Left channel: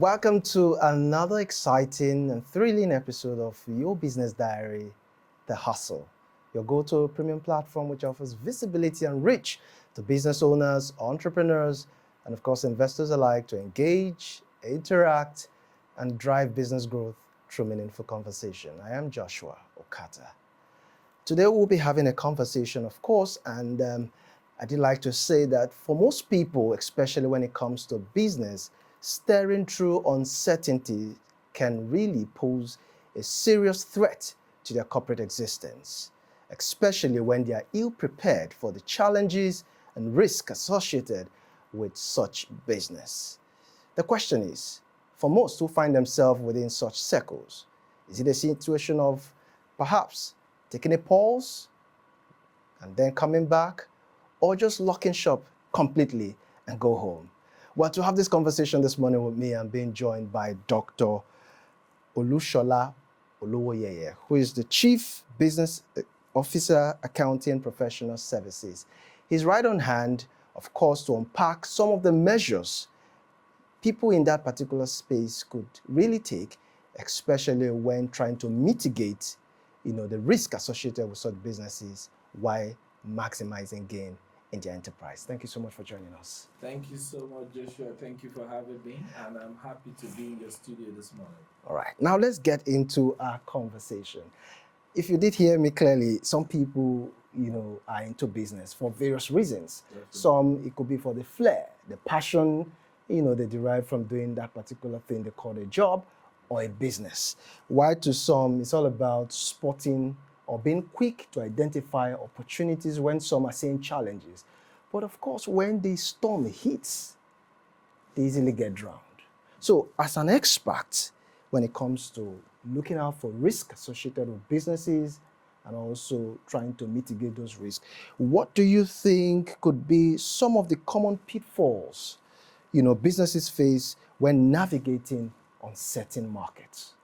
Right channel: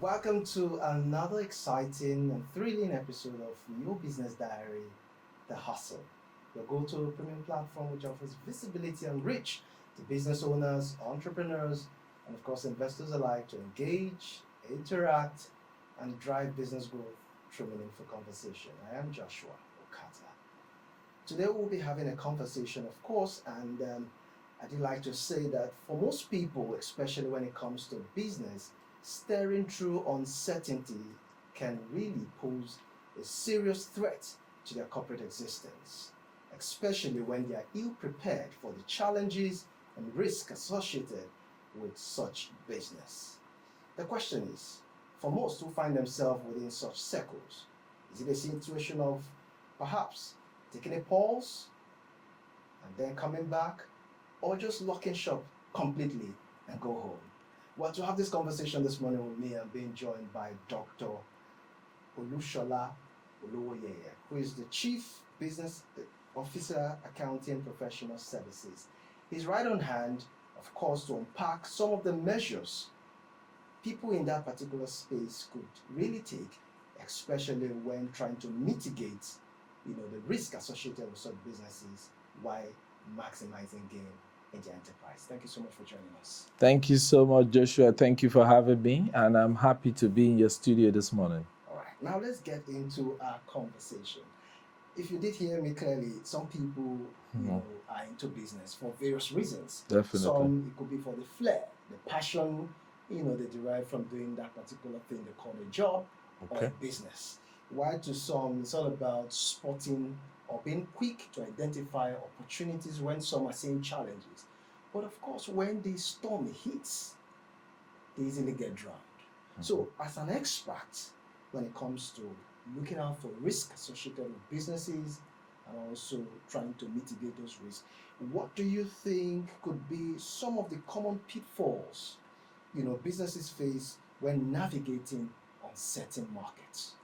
Welcome to another exciting and thrilling episode of Your Business Diary, The Hustle, your go-to premium platform which offers visibility and reach to business owners, entrepreneurs, and of course investors alike to engage, interact, and drive business growth through meaningful conversation. I am Joshua Okata. Today we'll be having a conversation, of course, and I did like to say that for most people, especially when it comes to business, steering through uncertainty can really pose a serious threat to their corporate existence, especially when they are ill-prepared for the challenges and risks associated with such business. The question is, for most who find themselves within such circles, is it a situation of perhaps taking a pause and then coming back, or just locking shop completely and go home? Well, to have this conversation this morning with me, I'm being joined by Dr. Olushola Oluwoyeye, who is the Chief Business Officer, Accounting Professional Services. He's right on hand, of course, to unpack some of the measures people in that particular space could really take, especially when trying to mitigate, the risk associated with such businesses while maximizing gain in their enterprise. Thank you so much for joining us. Thank you so much, Joshua. Thank you for having me, and I'm happy to be in your studio this morning. All right, now let's get into our conversation. If you did hear me clearly, some people, are into business for various reasons. Definitely. Some, it could be for the flair, the passion, they derive from doing that particular thing they call a job or a business. While to some, it's all about spotting or being quick to identify opportunities when some are seeing challenges. But of course, when the storm hits, they easily get drowned. So as an expert, when it comes to looking out for risk associated with businesses and also trying to mitigate those risks, what do you think could be some of the common pitfalls, businesses face when navigating uncertain markets?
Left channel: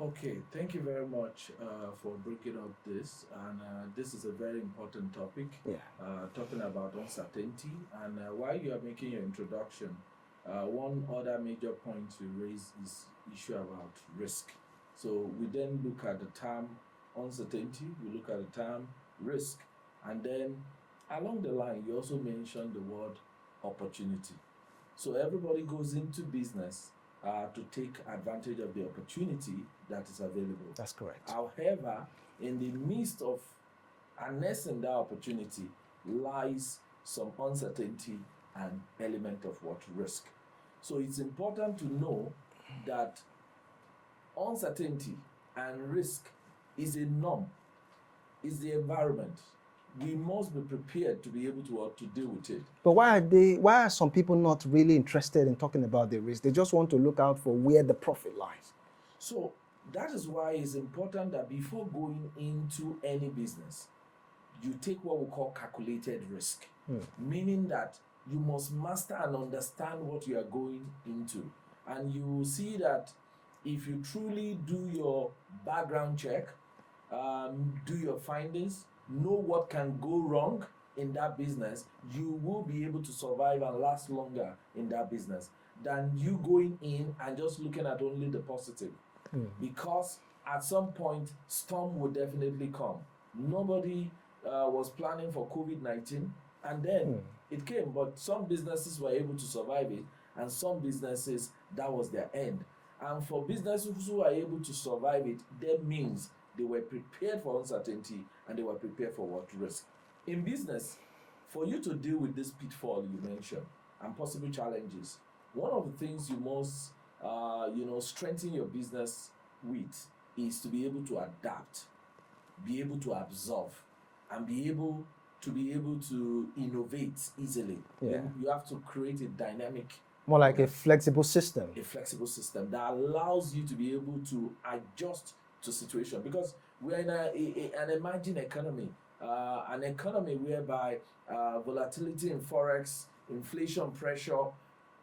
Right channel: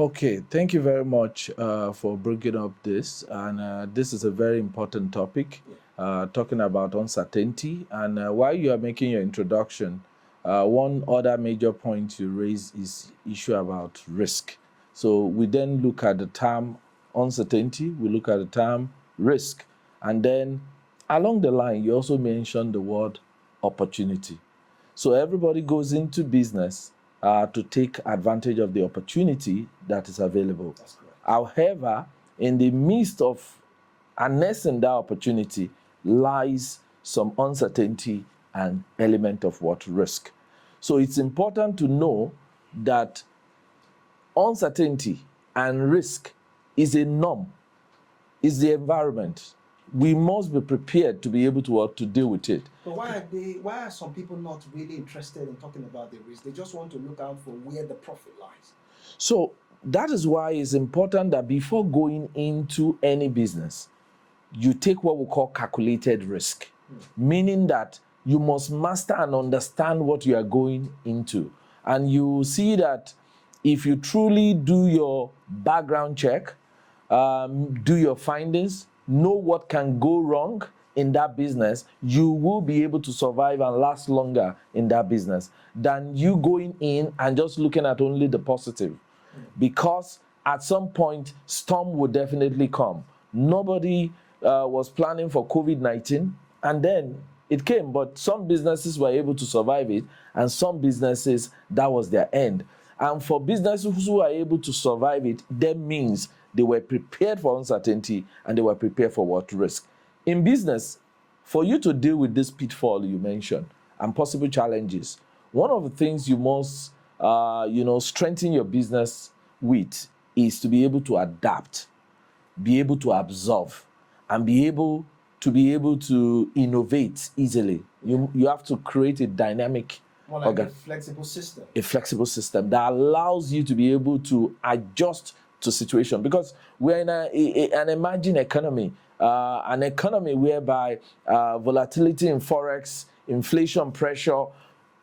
Okay, thank you very much for bringing up this. And this is a very important topic, talking about uncertainty. And while you are making your introduction, one other major point you raise is issue about risk. So we then look at the term uncertainty, we look at the term risk. And then along the line, you also mentioned the word opportunity. So everybody goes into business to take advantage of the opportunity that is available. That's correct. However, in the midst of harnessing that opportunity lies some uncertainty and element of what risk. So it's important to know that uncertainty and risk is a norm, is the environment. We must be prepared to be able to deal with it. But why are some people not really interested in talking about the risk? They just want to look out for where the profit lies. So that is why it's important that before going into any business, you take what we call calculated risk, meaning that you must master and understand what you are going into. And you see that if you truly do your background check, do your findings, know what can go wrong in that business, you will be able to survive and last longer in that business than you going in and just looking at only the positive. Because at some point, storm will definitely come. Nobody was planning for COVID-19, and then it came, but some businesses were able to survive it, and some businesses, that was their end. And for businesses who are able to survive it, that means they were prepared for uncertainty and they were prepared for what risk. In business, for you to deal with this pitfall you mentioned and possible challenges, one of the things you must, strengthen your business with is to be able to adapt, be able to absorb, and be able to innovate easily. You have to create a dynamic, more like a flexible system. A flexible system that allows you to be able to adjust to situation, because we're in an emerging economy, an economy whereby volatility in forex, inflation pressure.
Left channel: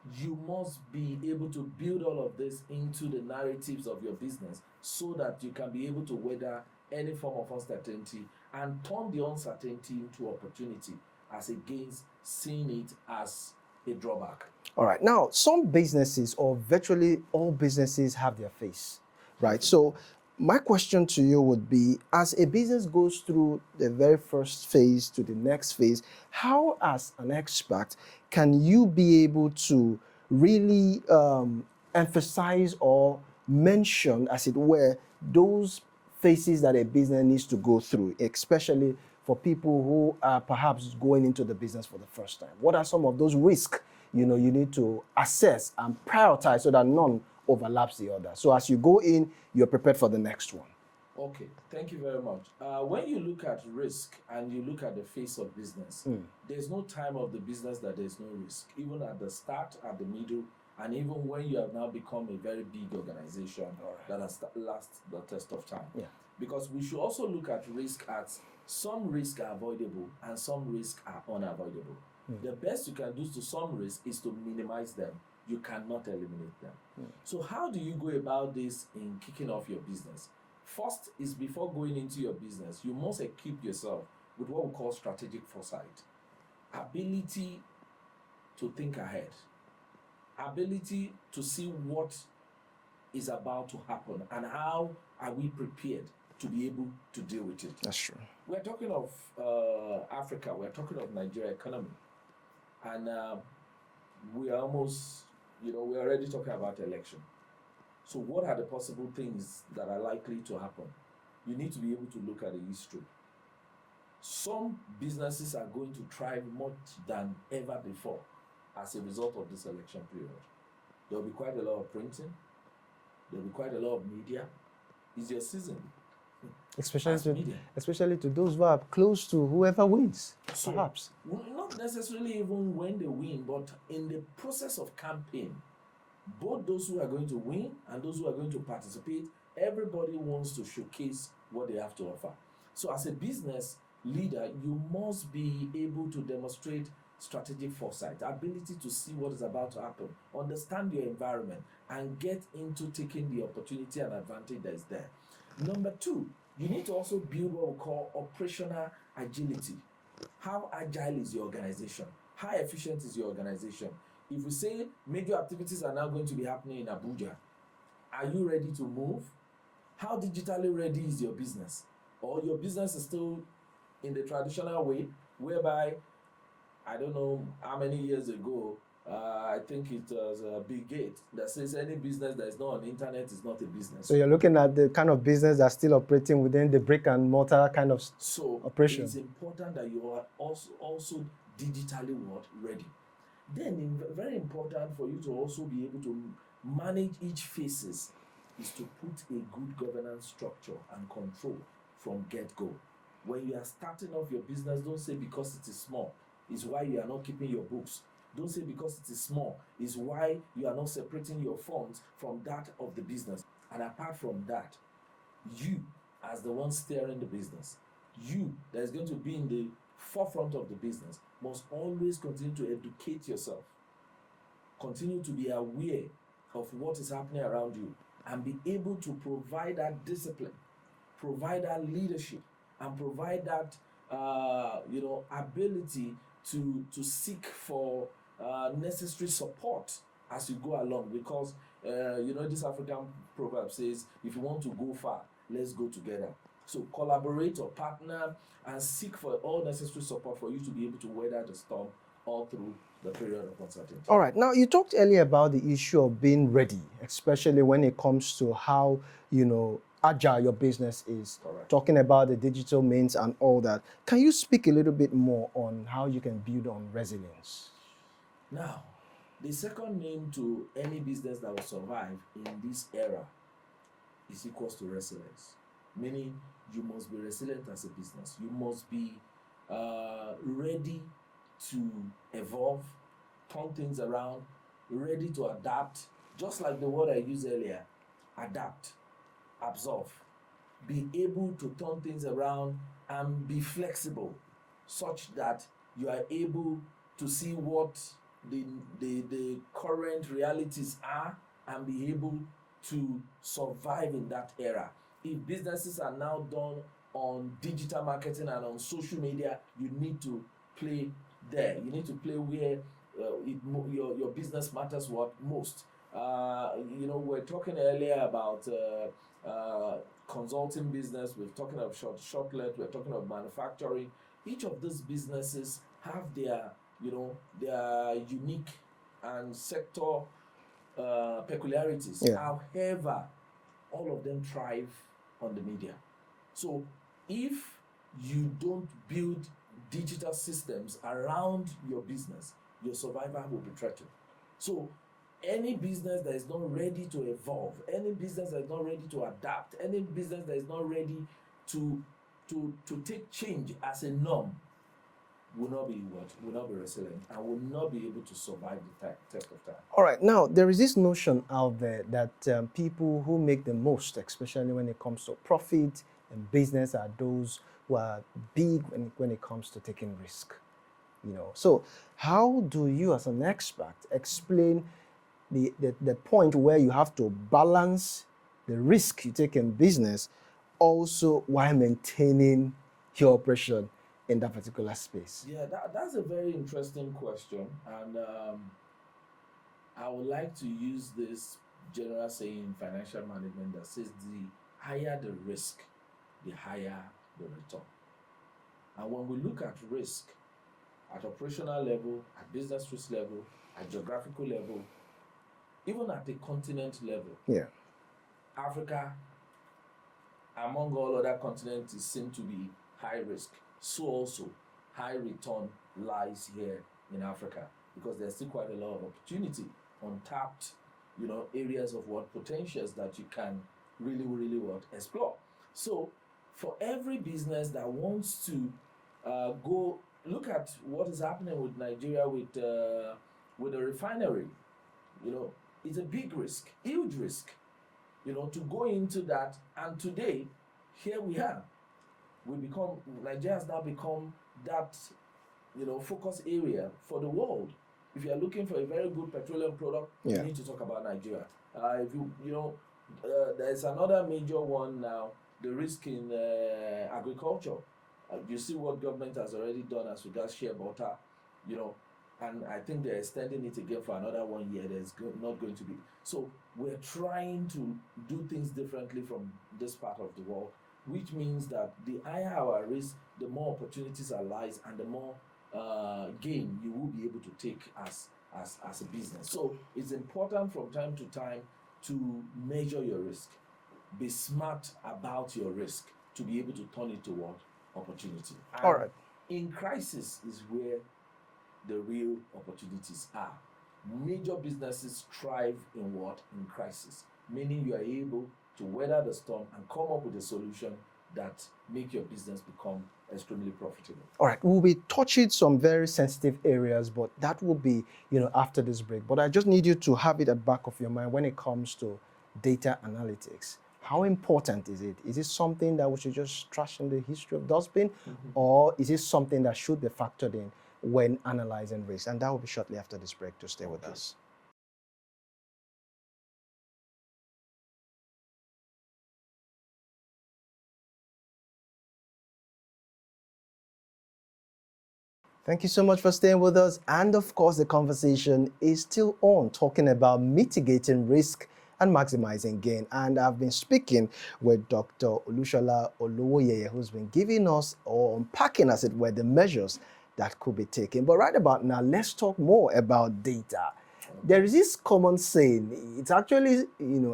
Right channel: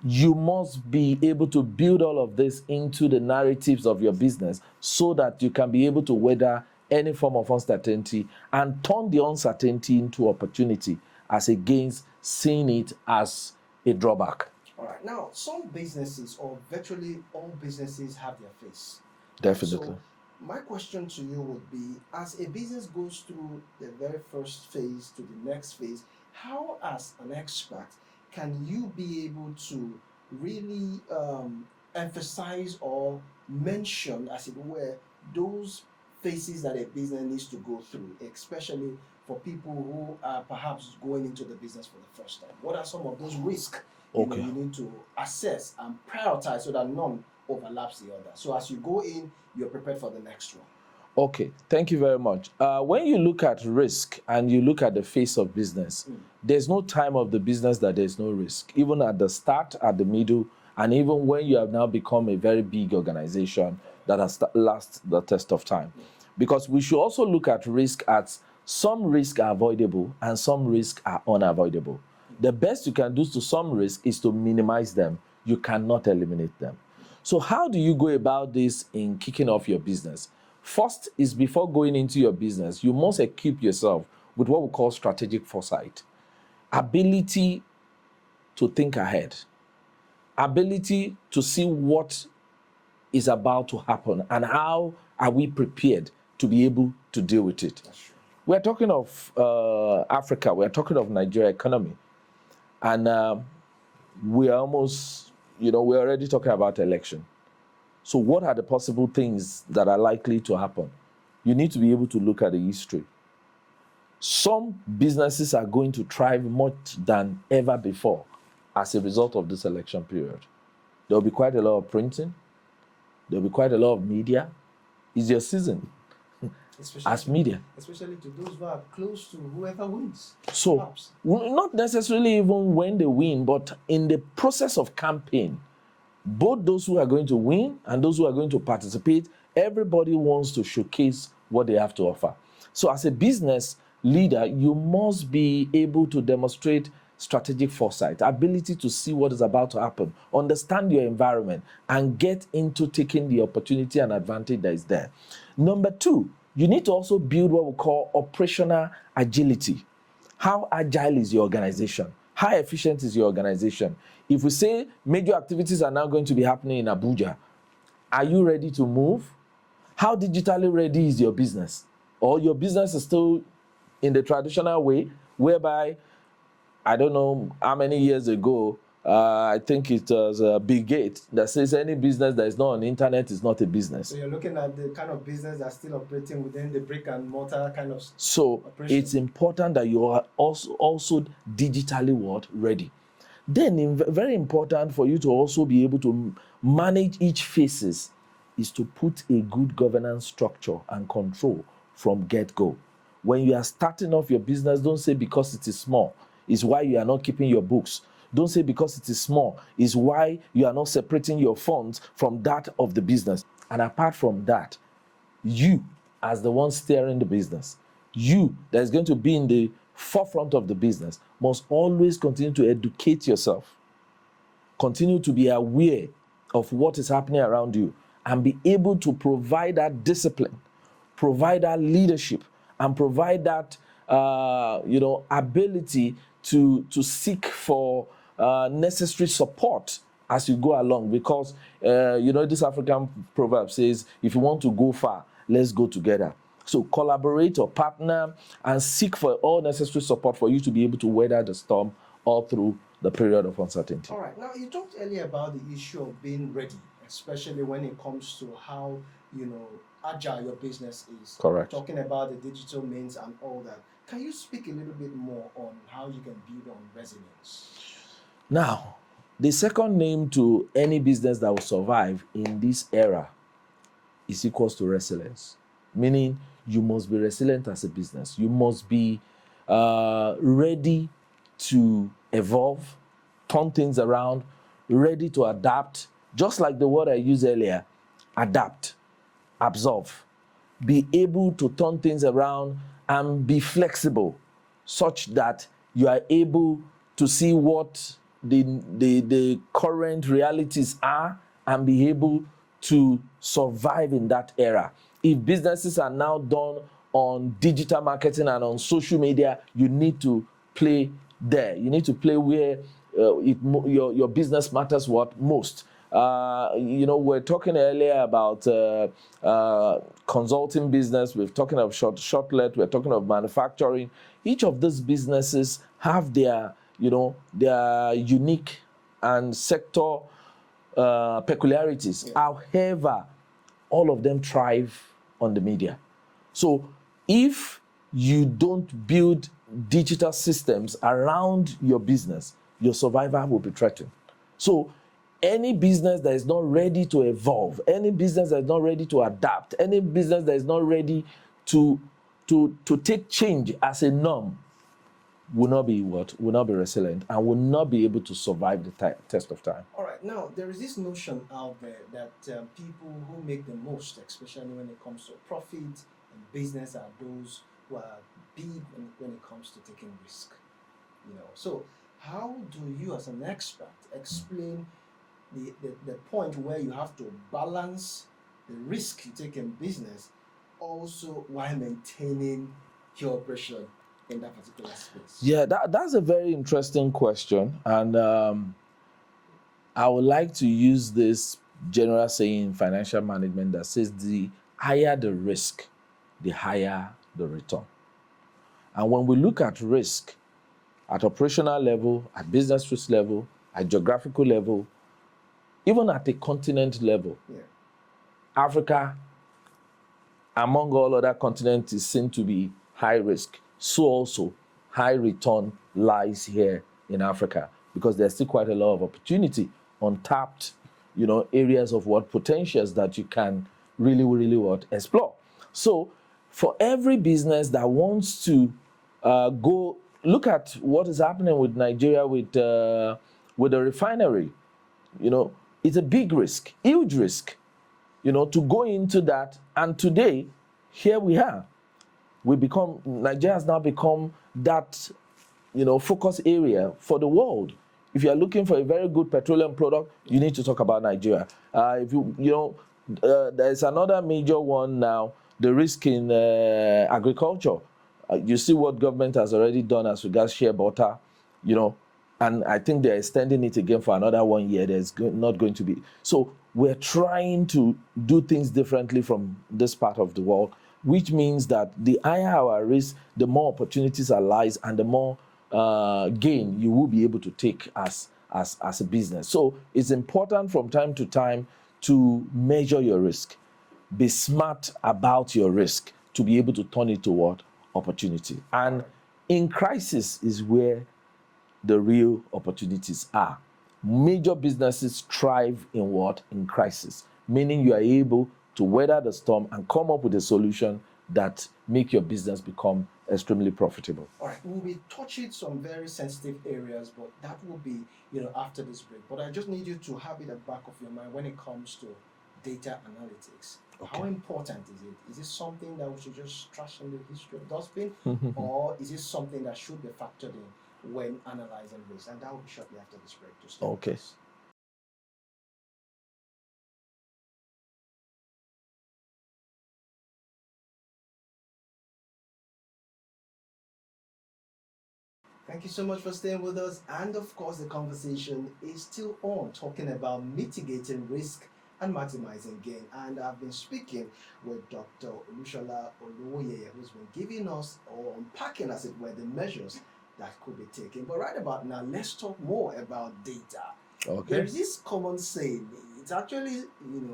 You must be able to build all of this into the narratives of your business so that you can be able to weather any form of uncertainty and turn the uncertainty into opportunity as against seeing it as a drawback. All right. Now, some businesses or virtually all businesses have their face. Right. So, Definitely. my question to you would be, as a business goes through the very first phase to the next phase, how, as an expert, can you be able to really emphasize or mention, as it were, those phases that a business needs to go through, especially for people who are perhaps going into the business for the first time? What are some of those risks you Okay. need to assess and prioritize so that none overlaps the other? So as you go in, you're prepared for the next one. Okay, thank you very much. When you look at risk and you look at the face of business, there's no time of the business that there's no risk. Even at the start, at the middle, and even when you have now become a very big organization that has lasted the test of time. Because we should also look at risk as some risks are avoidable and some risks are unavoidable. The best you can do to some risk is to minimize them. You cannot eliminate them. So how do you go about this in kicking off your business? First is, before going into your business, you must equip yourself with what we call strategic foresight. Ability to think ahead. Ability to see what is about to happen and how are we prepared to be able to deal with it. That's true. We're talking of Africa, we're talking of Nigeria economy. And we're almost, we're already talking about election. So what are the possible things that are likely to happen? You need to be able to look at the history. Some businesses are going to thrive much than ever before as a result of this election period. There'll be quite a lot of printing. There'll be quite a lot of media. It's your season. Especially to those who are close to whoever wins. So, perhaps. Not necessarily even when they win, but in the process of campaign, both those who are going to win and those who are going to participate, everybody wants to showcase what they have to offer. So as a business leader, you must be able to demonstrate strategic foresight, ability to see what is about to happen, understand your environment, and get into taking the opportunity and advantage that is there. Number two, you need to also build what we call operational agility. How agile is your organization? How efficient is your organization? If we say major activities are now going to be happening in Abuja, are you ready to move? How digitally ready is your business? Or your business is still in the traditional way, whereby, I don't know how many years ago, I think it was Bill Gates that says any business that is not on the internet is not a business. So you're looking at the kind of business that's still operating within the brick and mortar kind of operation. It's important that you are also digitally ready. Then very important for you to also be able to manage each phases is to put a good governance structure and control from get-go. When you are starting off your business, don't say because it is small is why you are not keeping your books. Don't say because it is small is why you are not separating your funds from that of the business. And apart from that, you as the one steering the business, you that is going to be in the forefront of the business, must always continue to educate yourself. Continue to be aware of what is happening around you and be able to provide that discipline, provide that leadership, and provide that ability to seek for necessary support as you go along. Because this African proverb says, if you want to go far, let's go together. So collaborate or partner and seek for all necessary support for you to be able to weather the storm all through the period of uncertainty. All right. Now, you talked earlier about the issue of being ready, especially when it comes to how, agile your business is. Correct. Talking about the digital means and all that. Can you speak a little bit more on how you can build on resilience? Now, the second name to any business that will survive in this era is equals to resilience. Meaning, you must be resilient as a business. You must be ready to evolve, turn things around, ready to adapt. Just like the word I used earlier, adapt, absorb. Be able to turn things around and be flexible such that you are able to see what the current realities are and be able to survive in that era. If businesses are now done on digital marketing and on social media, you need to play there. You need to play where your business matters what most. We're talking earlier about consulting business. We're talking of shortlet. We're talking of manufacturing. Each of these businesses have their unique and sector peculiarities. Yeah. However, all of them thrive on the media. So if you don't build digital systems around your business, your survival will be threatened. So any business that is not ready to evolve, any business that is not ready to adapt, any business that is not ready to take change as a norm will not be resilient and will not be able to survive the test of time. All right, now there is this notion out there that people who make the most, especially when it comes to profit and business, are those who are big when it comes to taking risk. So how do you, as an expert, explain the point where you have to balance the risk you take in business, also while maintaining your operation in that particular space? Yeah, that's a very interesting question, and I would like to use this general saying in financial management that says the higher the risk, the higher the return. And when we look at risk at operational level, at business risk level, at geographical level, even at a continent level, Africa, among all other continents, is seen to be high risk. So also high return lies here in Africa, because there's still quite a lot of opportunity, untapped, areas of potentials that you can really explore. So for every business that wants to go look at what is happening with Nigeria with the refinery, it's a big risk, huge risk, to go into that. And today, here we are. Nigeria has now become that, focus area for the world. If you are looking for a very good petroleum product, you need to talk about Nigeria. There's another major one now, the risk in agriculture. You see what government has already done as regards shea butter, and I think they're extending it again for another 1 year. There's not going to be. So we're trying to do things differently from this part of the world, which means that the higher our risk, the more opportunities are lies, and the more gain you will be able to take as a business. So it's important from time to time to measure your risk, be smart about your risk to be able to turn it toward opportunity. And in crisis is where the real opportunities are. Major businesses thrive in crisis, meaning you are able to weather the storm and come up with a solution that make your business become extremely profitable. All right, we'll be touching some very sensitive areas, but that will be, after this break. But I just need you to have it at the back of your mind when it comes to data analytics. Okay. How important is it? Is it something that we should just trash in the history of dustbin, or is it something that should be factored in when analyzing risk? And that will be shortly after this break. To stay with us. Thank you so much for staying with us. And of course, the conversation is still on, talking about mitigating risk and maximizing gain. And I've been speaking with Dr. Olushola Oluwoyeye, who's been giving us, or unpacking, as it were, the measures that could be taken. But right about now, let's talk more about data. Okay. There is this common saying, it's actually,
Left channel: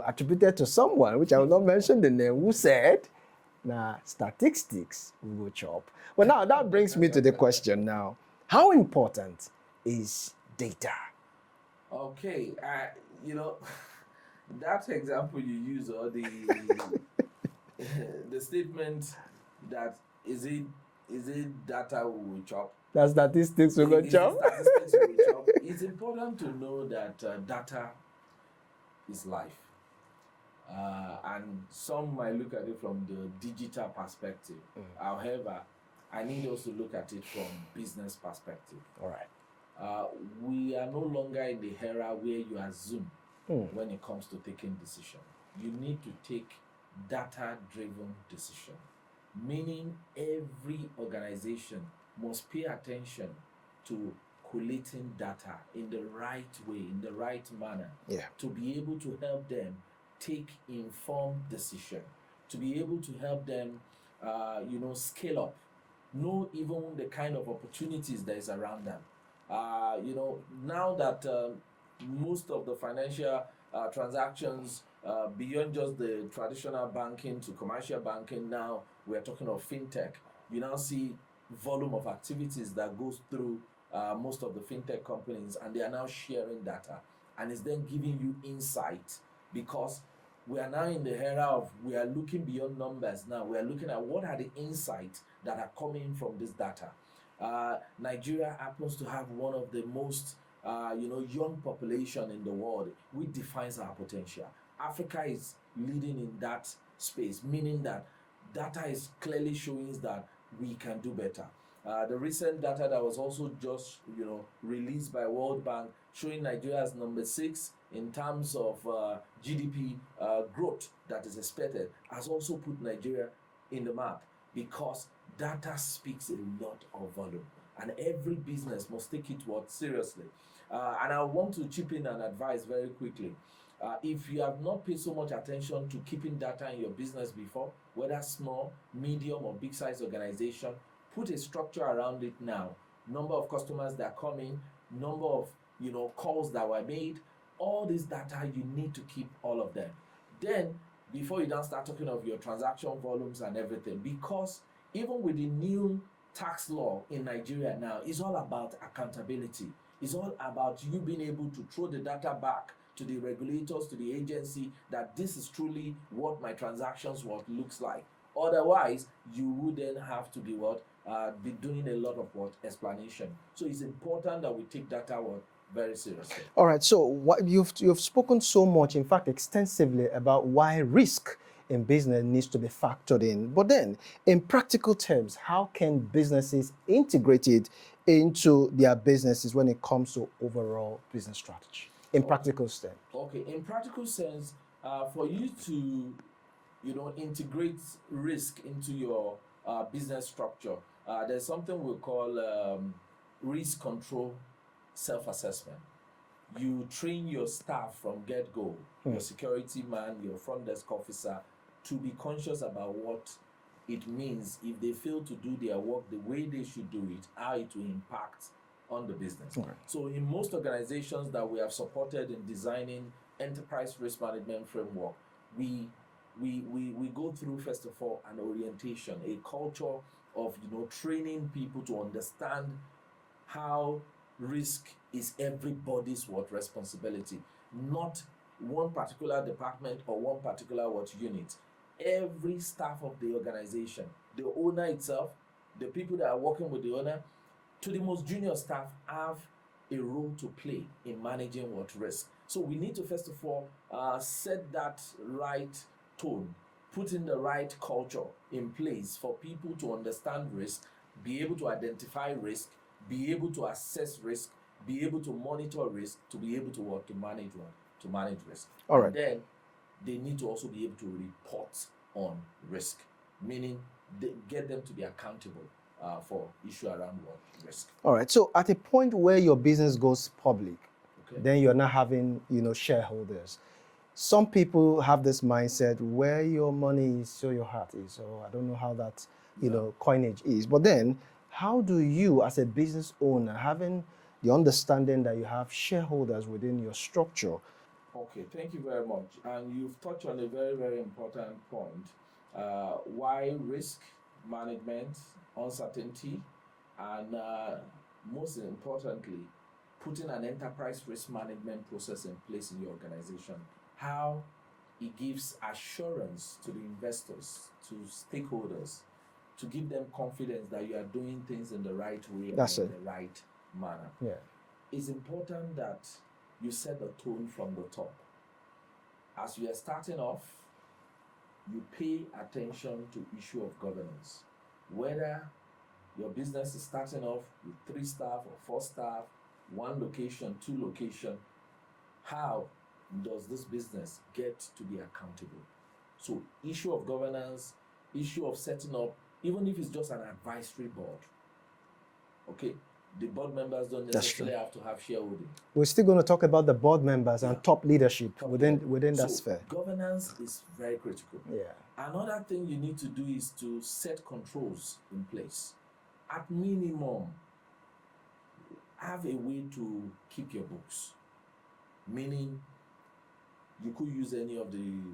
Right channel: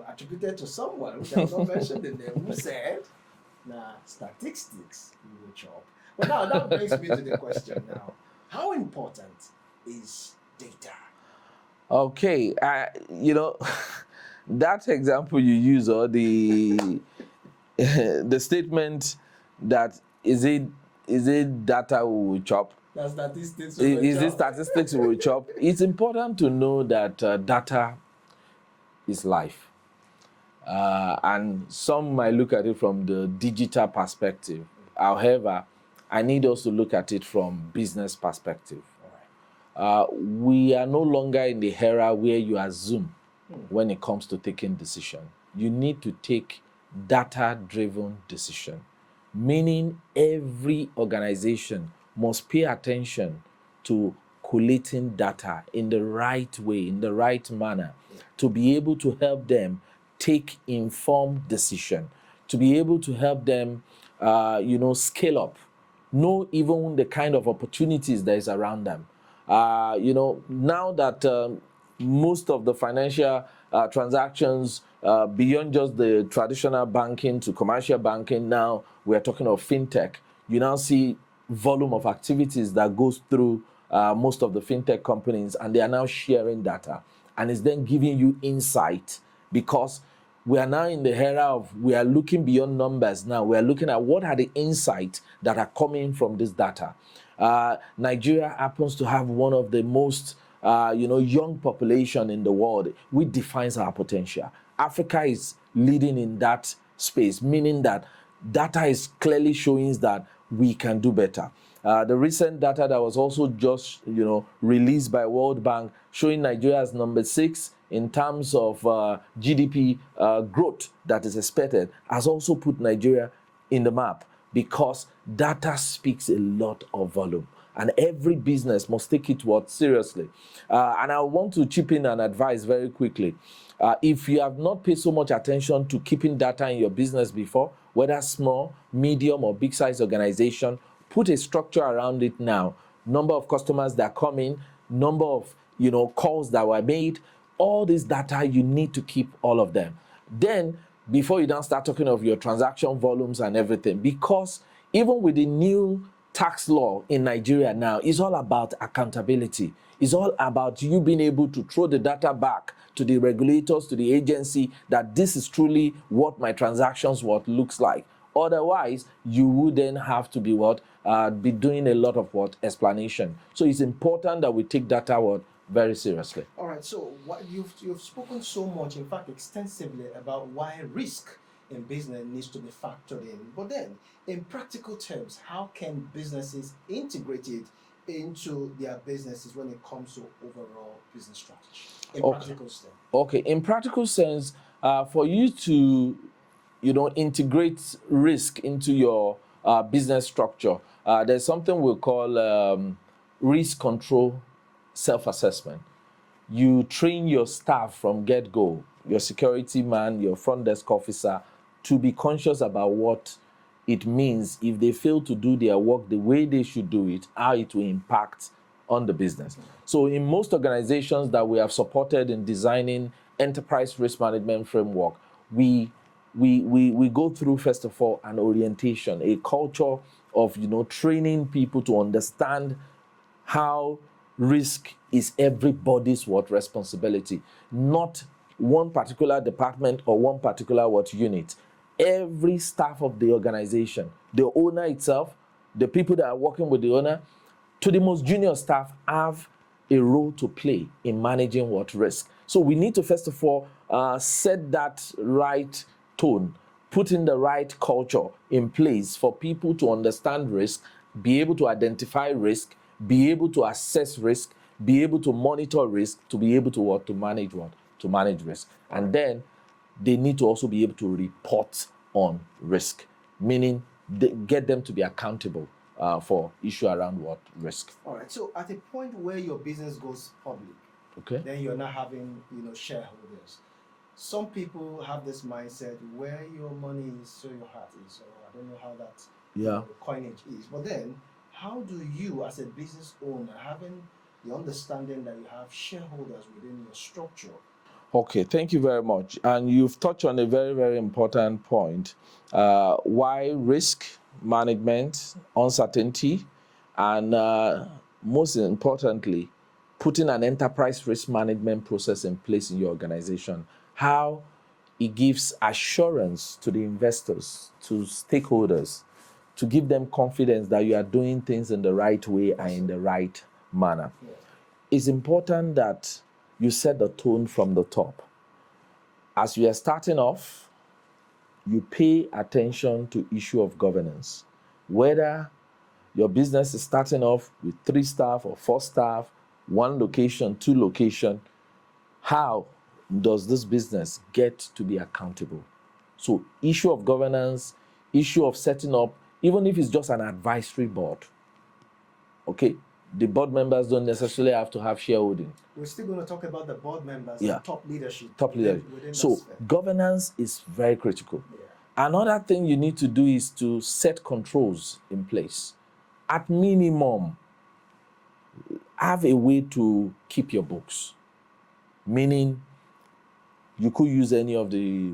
attributed to someone, which I will not mention the name, who said, nah, statistics we will chop. Well, now that brings me to the question now. How important is data? Okay, that example you use, or the the statement that is it data we will chop? That statistics we will chop. Is it statistics we will chop? It's important to know that data is life. And some might look at it from the digital perspective. However, I need us to look at it from business perspective. All right. We are no longer in the era where you assume when it comes to taking decision. You need to take data-driven decision, meaning every organization must pay attention to collating data in the right way, in the right manner, Yeah. to be able to help them take informed decision, to be able to help them, scale up, know even the kind of opportunities that is around them. Now that most of the financial transactions, beyond just the traditional banking to commercial banking, now we are talking of fintech. You now see volume of activities that goes through most of the fintech companies, and they are now sharing data, and it's then giving you insight, because we are now in the era of, we are looking beyond numbers now. We are looking at what are the insights that are coming from this data. Nigeria happens to have one of the most young population in the world, which defines our potential. Africa is leading in that space, meaning that data is clearly showing that we can do better. The recent data that was also just released by World Bank, showing Nigeria as number 6 in terms of GDP growth that is expected, has also put Nigeria in the map, because data speaks a lot of volume, and every business must take it seriously. And I want to chip in and advise very quickly. If you have not paid so much attention to keeping data in your business before, whether small, medium, or big size organization, put a structure around it now. Number of customers that come in, number of calls that were made, all this data, you need to keep all of them. Then, before you don't start talking of your transaction volumes and everything, because even with the new tax law in Nigeria now, it's all about accountability. It's all about you being able to throw the data back to the regulators, to the agency, that this is truly what my transactions looks like. Otherwise, you would then have to be be doing a lot of explanation. So it's important that we take data very seriously. All right. So what you've spoken so much, in fact, extensively, about why risk in business needs to be factored in. But then, in practical terms, how can businesses integrate it into their businesses when it comes to overall business strategy? In practical sense. Okay. In practical sense, for you to integrate risk into your business structure, there's something we call risk control self-assessment. You train your staff from get-go, your security man, your front desk officer, to be conscious about what it means if they fail to do their work the way they should do it, how it will impact on the business. Okay. So in most organizations that we have supported in designing enterprise risk management framework, we go through, first of all, an orientation, a culture of training people to understand how risk is everybody's responsibility, not one particular department or one particular unit. Every staff of the organization, the owner itself, the people that are working with the owner, to the most junior staff, have a role to play in managing risk. So we need to, first of all, set that right tone, put in the right culture in place for people to understand risk, be able to identify risk, be able to assess risk, be able to monitor risk, to be able to manage to manage risk. All and right. Then they need to also be able to report on risk, meaning get them to be accountable for issue around risk. All right. So at a point where your business goes public, okay, then you're not having shareholders. Some people have this mindset, where your money is, so your heart is. So I don't know how that coinage is. But then, how do you, as a business owner, having the understanding that you have shareholders within your structure? Okay, thank you very much. And you've touched on a very, very important point. Why risk management, uncertainty, and most importantly, putting an enterprise risk management process in place in your organization. How it gives assurance to the investors, to stakeholders, to give them confidence that you are doing things in the right way and in the right manner. Yeah. It's important that you set the tone from the top. As you are starting off, you pay attention to issue of governance. Whether your business is starting off with 3 staff or 4 staff, 1 location, 2 location, how does this business get to be accountable? So issue of governance, issue of setting up, even if it's just an advisory board, okay? the board members don't necessarily have to have shareholding. We're still going to talk about the board members and top leadership within that sphere. Governance is very critical. Yeah. Another thing you need to do is to set controls in place. At minimum, have a way to keep your books. Meaning, you could use any of the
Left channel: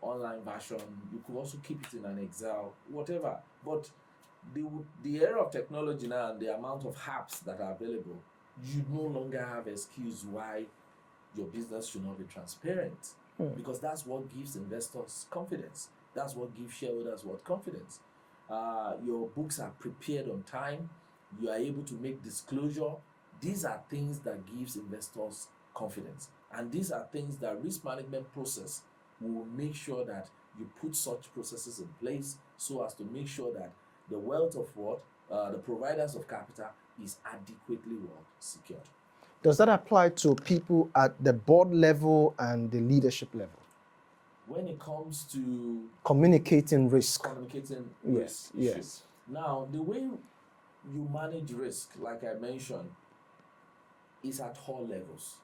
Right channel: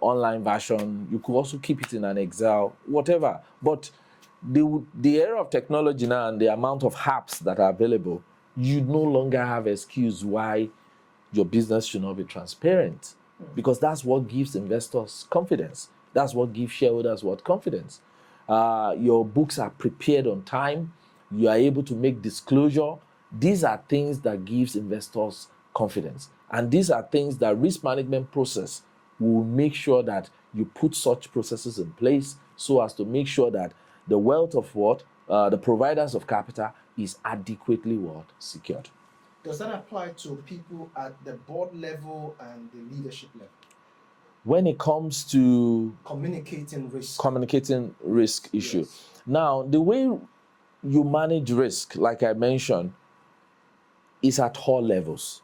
online version. You could also keep it in an Excel, whatever. But the era of technology now and the amount of apps that are available, you no longer have excuse why your business should not be transparent. Because that's what gives investors confidence. That's what gives shareholders confidence. Your books are prepared on time. You are able to make disclosure. These are things that gives investors confidence. And these are things that risk management process will make sure that you put such processes in place so as to make sure that the wealth of the providers of capital is adequately secured. Does that apply to people at the board level and the leadership level? When it comes to communicating risk issue. Yes. Now, the way you manage risk, like I mentioned, is at all levels.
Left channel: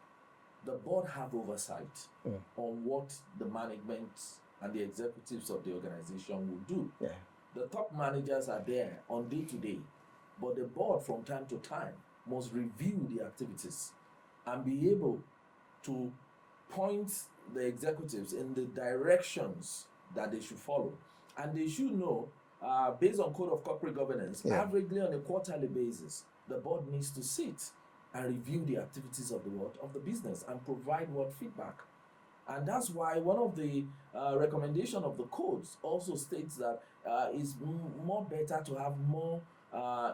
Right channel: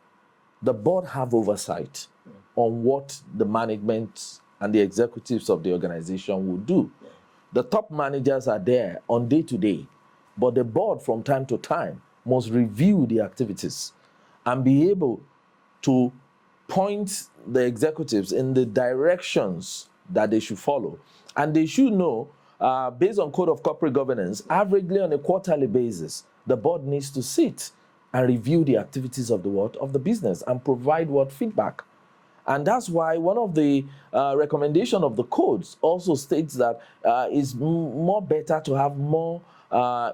The board have oversight on what the management and the executives of the organization will do. Yeah. The top managers are there on day-to-day, but the board from time to time must review the activities and be able to point the executives in the directions that they should follow. And they should know, based on Code of Corporate Governance, averagely on a quarterly basis, the board needs to sit and review the activities of the business and provide feedback. And that's why one of the recommendation of the codes also states that it's more better to have more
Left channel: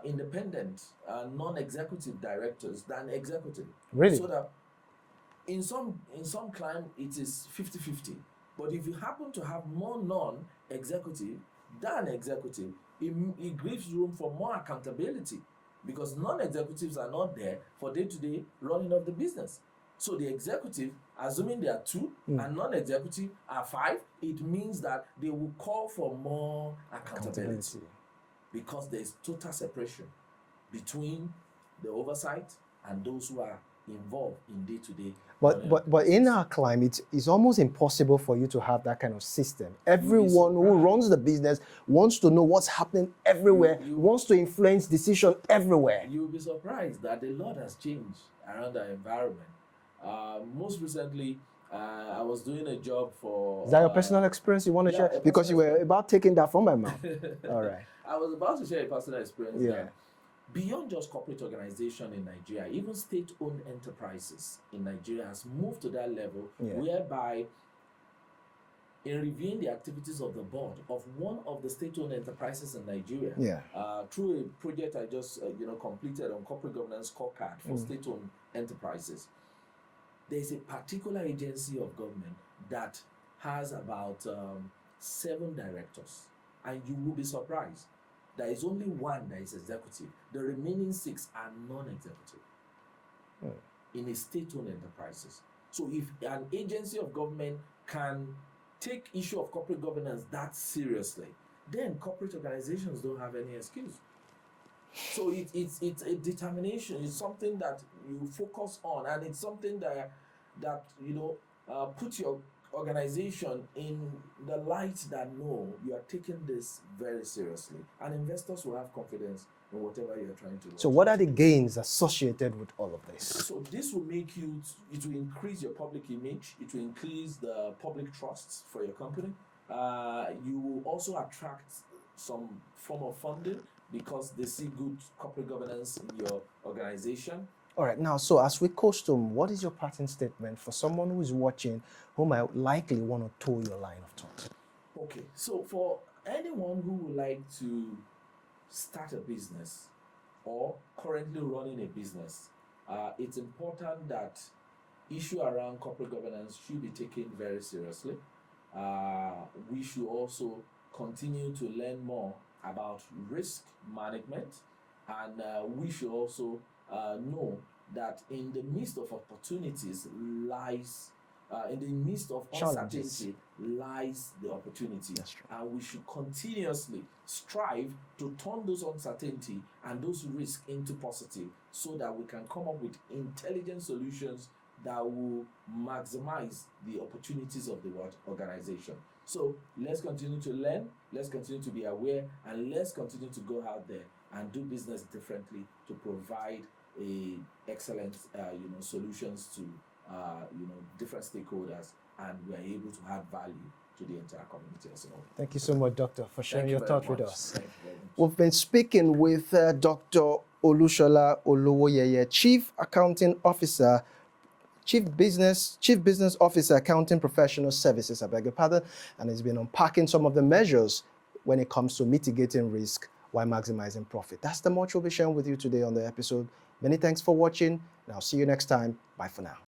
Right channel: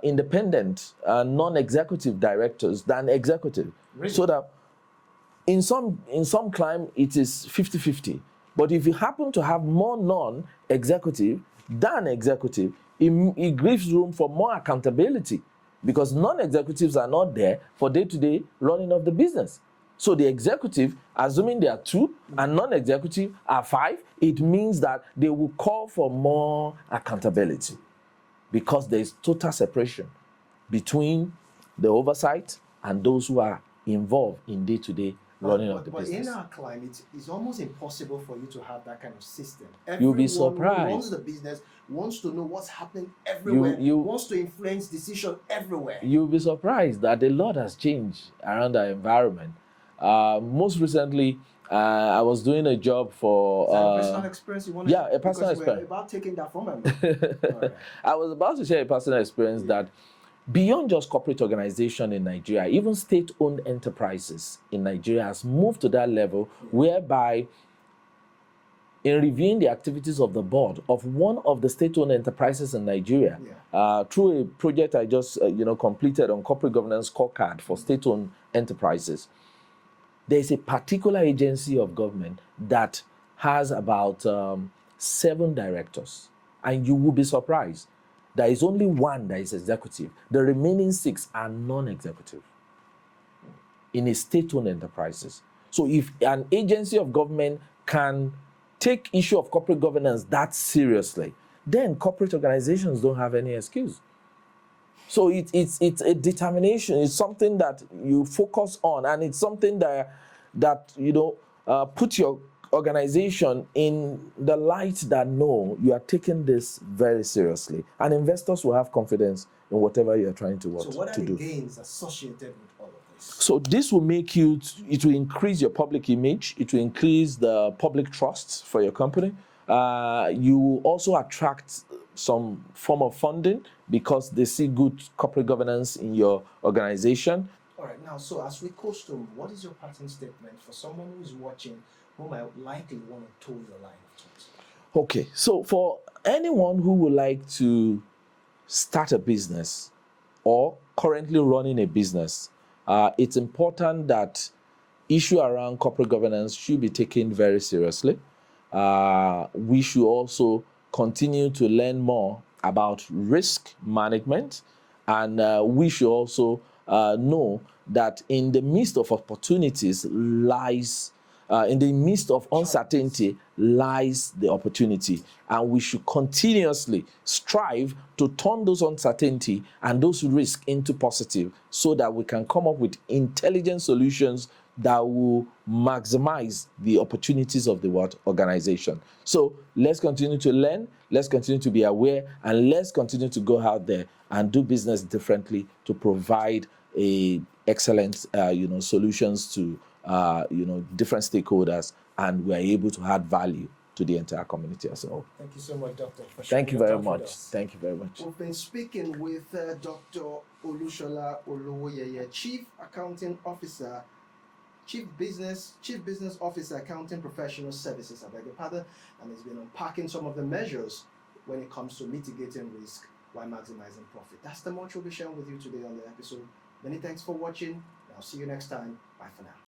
independent non-executive directors than executive. Really? So that in some climb it is 50-50. But if you happen to have more non-executive than executive, it gives room for more accountability, because non-executives are not there for day-to-day running of the business. So the executive, assuming there are 2 and non-executive are 5, it means that they will call for more accountability, because there is total separation between the oversight and those who are involved in day-to-day running of the but business. in our climate, it's almost impossible for you to have that kind of system. Everyone who runs the business wants to know what's happening everywhere, wants to influence decision everywhere. You'll be surprised that a lot has changed around our environment. Most recently, I was doing a job for... Is that your personal experience you want to share? Because you were about taking that from my mouth. All right. I was about to share a personal experience that beyond just corporate organization in Nigeria, even state-owned enterprises in Nigeria has moved to that level whereby in reviewing the activities of the board of one of the state-owned enterprises in Nigeria, through a project I just completed on corporate governance scorecard for state-owned enterprises, there is a particular agency of government that has about 7 directors, and you will be surprised. There is only 1 that is executive. The remaining 6 are non-executive in a state-owned enterprises. So if an agency of government can take issue of corporate governance that seriously, then corporate organizations don't have any excuse. So it's a determination. It's something that you focus on, and it's something that put your organization in the light that no, you are taking this very seriously, and investors will have confidence in whatever you are trying to work. So what are the gains associated with all of this? So this will make it will increase your public image, it will increase the public trust for your company. You will also attract some form of funding because they see good corporate governance in your organization. All right, now, so as we custom, what is your parting statement for someone who is watching who might likely want to toe your line of thought? Okay, so for anyone who would like to start a business or currently running a business, it's important that issue around corporate governance should be taken very seriously. We should also continue to learn more about risk management, and we should also know that in the midst of opportunities in the midst of uncertainty lies the opportunity. And we should continuously strive to turn those uncertainty and those risks into positive so that we can come up with intelligent solutions that will maximize the opportunities of the organization. So let's continue to learn, let's continue to be aware, and let's continue to go out there and do business differently to provide a excellent solutions to different stakeholders, and we're able to add value to the entire community as a whole. Thank you so much, Doctor, for sharing Thank you your very thoughts with much. us. Thank you very much. We've been speaking with Dr. Olushola Olowoyeye, Chief Accounting Officer, Chief Business Officer, Accounting Professional Services, I beg your pardon, and he's been unpacking some of the measures when it comes to mitigating risk while maximizing profit. That's the much we'll be sharing with you today on the episode. Many thanks for watching, and I'll see you next time. Bye for now.